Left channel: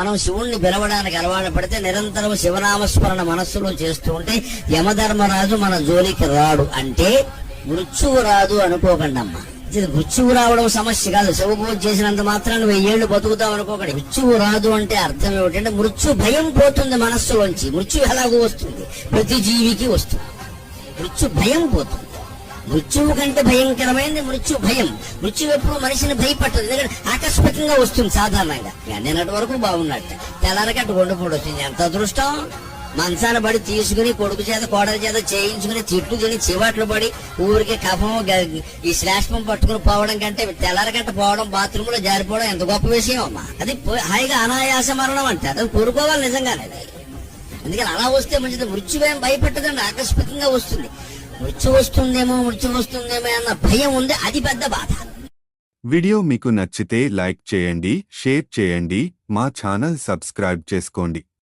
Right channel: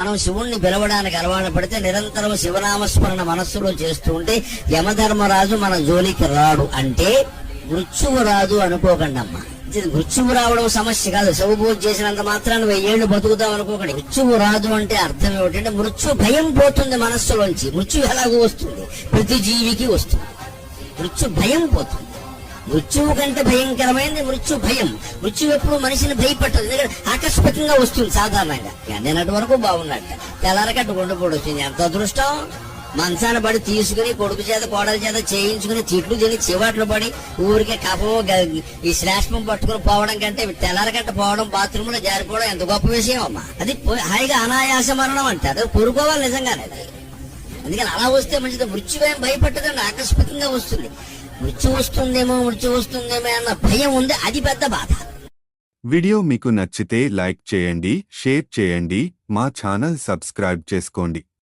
మనం శివుణ్ణి పిలవడానికి అలవాటు పడితే నిరంతరం శివనామస్మరణ మనస్సులో చేస్తూ ఉంటే యమధర్మరాజు మన జోలికి రాడు అంటే మృత్యువు రాదు అనుకోకండి అమ్మా ఇది మృత్యువు రావడం సమస్య కాదు. శివభోజ చేసినంత మాత్రాన్ని వెయ్యేళ్ళు బతుకుతాం అనుకోకండి. మృత్యువు రాదు అంటే అర్థం ఏమిటంటే మృత్యు భయం పోతుంది మనస్సులోంచి. మృత్యు ఎలాగో వస్తుంది? ప్రతి జీవికి వస్తుంది. మృత్యు భయం పోతుంది. మృత్యువు కంటే భయంకరమైనది మృత్యు భయం. మృత్యు ఎప్పుడు మనిషిని భయపట్టదు. ఎందుకంటే ఆకస్మికంగా వస్తుంది సాధారణంగా. నిన్నటి వరకు బాగున్నట్ట తెల్లరకట్టు గుండెపోటు వచ్చింది ఎంత అదృష్టం? మంచాన పడి తీసుకుని కొడుకు చేత కోడల చేత చేయించుకుని తిట్లు తిని చివాట్లు పడి ఊరికే కఫము ఈ శ్లేష్మం పట్టుకుని పోవడం కంటే తెల్లరకట్ట పోవడం బాత్రూమ్లో జారిపోవడం ఎంత గొప్ప విషయం అమ్మా. అది పో- హాయిగా అనాయాస మరణం అంటారు అది కోరుకోవాలి నిజంగానే అది. అందుకని అలా వస్తే మంచిది. మృత్యువేం భయపట్టదండి ఆకస్మికంగా వస్తుంది. మృత్యు వస్తుందేమో మృత్యు వస్తుందేమో అన్న భయం ఉంది అది పెద్ద బాధ. వీడియో మీకు నచ్చితే లైక్ చేయండి షేర్ చేయండి మా ఛానల్ సబ్స్క్రైబ్ చేసుకోండి.